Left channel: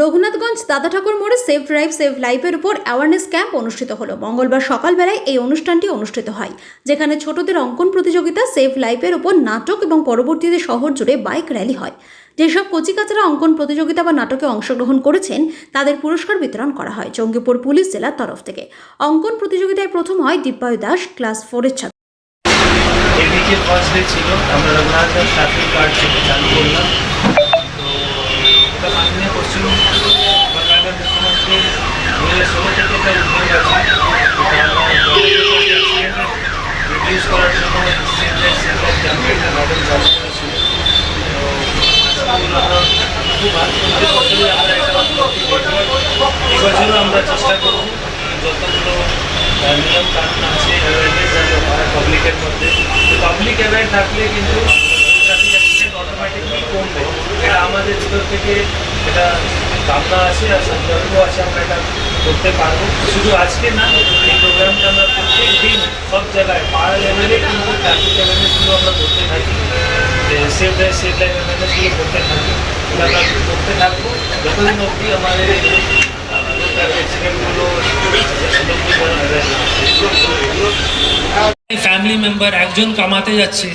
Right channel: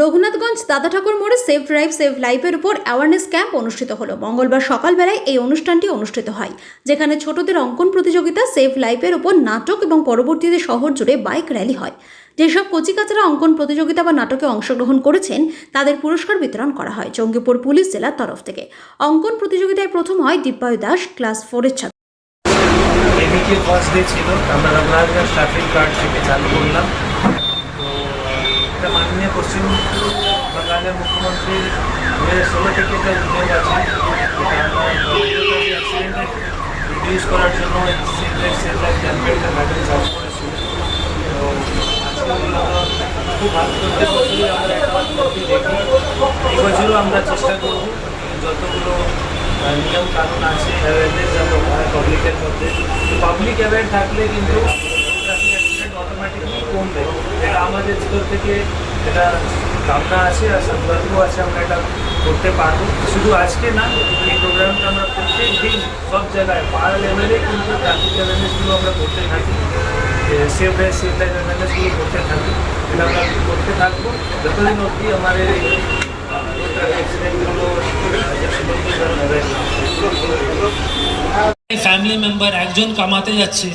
রঘুনাথগঞ্জ দাদা ঠাকুর মোড়ে save drive save লাইফের উপর অ্যাওয়ারনেস ক্যাম্প অনুষ্ঠিত হলো। মঙ্গলবার সকালবেলায় এই অনুষ্ঠানটি অনুষ্ঠিত হয়, যেখানে ছোটদের অঙ্কন প্রতিযোগিতা, সেভ লাইফের উপর নাটক এবং পরবর্তীতে শহর জুড়ে বাইক র্যালি হয়। যেসব কচিকাচারা অঙ্কন প্রতিযোগিতা বা নাটকে অংশগ্রহণ করেছেন তাদের পুরস্কার বিতরণ করা হয় জঙ্গিপুর পুলিশ জেলার তরফ থেকে। অঙ্কন প্রতিযোগিতায় প্রথম হয় দিব্যায়ু দাস, ক্লাস 4-এর ছাত্র। এদিকে ফার্স্ট ডে ছিল, আমরা রঘুনাথগঞ্জ ট্রাফিক গার্ড থেকে চালু করলাম। তো এটা মাননীয় পশ্চিমবঙ্গের মুখ্যমন্ত্রী 2016 থেকে এটা উদ্যোগ আছে, এটা আমরা রিডিউস করার জন্য ক্যাম্পেইন চালু করেছিল। তো আজকে খুব ভালো আমরা একটা এবছরও আমরা চেষ্টা করব যতগুলো নিয়ম কানুন আছে অ্যাওয়ারনেস যেন হয় পাবলিকের মধ্যে। তো পাবলিক অ্যাওয়ার থাকলে কিন্তু ট্রাফিক অ্যাক্সিডেন্ট অটোমেটিকলি কমবে। এটা আমাদের ভিতর থেকে এটা ভাবনা আছে আর সংকল্প আছে, আমরা এটা করতে পারবো। শুধু আজকে না, এই প্রোগ্রামটা আমরা প্রত্যেক দিন সব জায়গায় পাড়া লেভেলে কিন্তু ট্রাফিক অ্যাওয়ারনেসগুলো আমরা করতে থাকি, সেভ ড্রাইভ সেভ লাইফ অ্যাওয়ারনেসগুলো করতে থাকি। এটা আমরা করতে থাকবো যতদিন অবধি আমাদের এই ফ্যামিলি মেম্বার একজন কামাতে যাচ্ছে,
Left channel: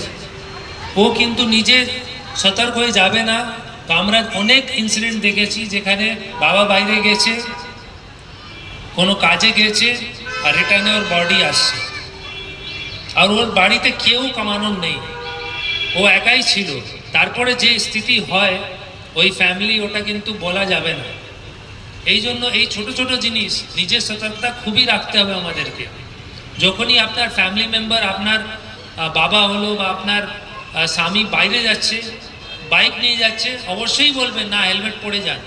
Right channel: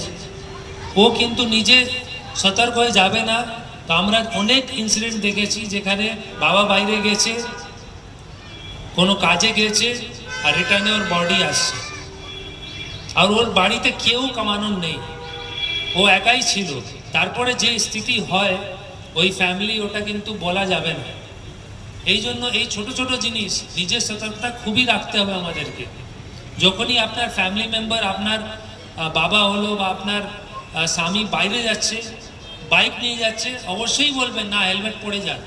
ও কিন্তু নিজে সতর্ক হয়ে যাবে না। তো আমরা অনেক ইনসিডেন্ট দেখেছি যেখানে বাবা বাইরে গেছে, কোনো কাজে গেছে, আর রিটার্নে ওর বডি আসছে, আর ওর বাড়িতে কেউ কামানোর নেই, ও একাই ছিল। তারপরে যে স্থিতি হয় ওই ফ্যামিলি, ওটা কিন্তু বলা যাবে না। এই জন্য এই ছোট ছোট জিনিস নিজের সতর্কতা খুবই রাখতে হবে আমাদেরকে। যখনই আপনার ফ্যামিলি মেম্বার, আপনার বাবা হলো বা আপনার স্বামী বাইরে যাচ্ছে, বাইক নিয়ে যাচ্ছে, অবশ্যই বলবেন না হেলমেট পরে যান।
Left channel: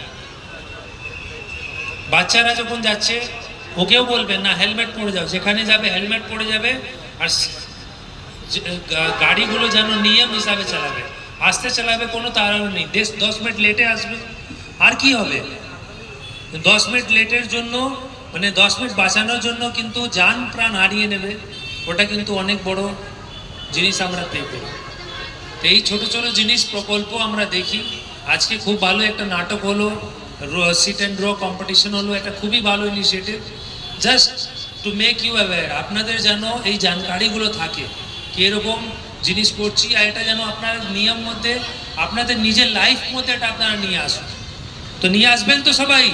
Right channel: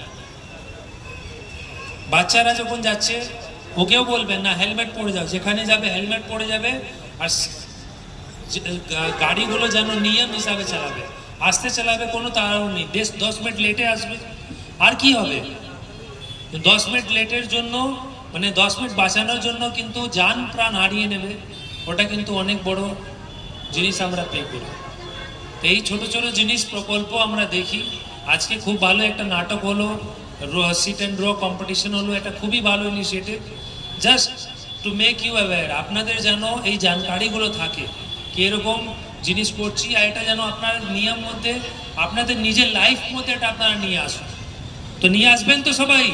বাচ্চারা যখন যাচ্ছে ওকেও বলবেন না হেলমেট পরে যাও, যেখানে যাবে হেলমেট পরে যাবে। আর গাড়িগুলো যেন নিয়ম হিসাবে চালাবে, আস্তে চালাবে, কোনো তাড়াহুড়ো নেই। 10 মিনিট লেটে আসবে, আর কি হবে? 10 মিনিট লেটের জন্য, মানে 10 মিনিট বাঁচানোর জন্য কিন্তু জান প্রাণ হারিয়ে নেবে। ওটা কিন্তু অনেক বড় জিনিস আমরা পে করি। এই ছোট ছোট জিনিস প্রকল্প আমরা দেখি। আজকে খুব ভালো একটা নাটক হলো, সিট অ্যান্ড ড্র কম্পিটিশন হলো, এটা খুবই ভালো initiative. Just to make you aware, আপনাদের যেন এই জানকারিগুলো থাকে কীরকম জিনিস করছি, আর এটা যেন আপনার নিয়ম মধ্যে, আপনাদের নিজের লাইফ মধ্যে এটা আপনারা নিয়ে আসুন। তো নিয়ে আসবেন তো সবাই?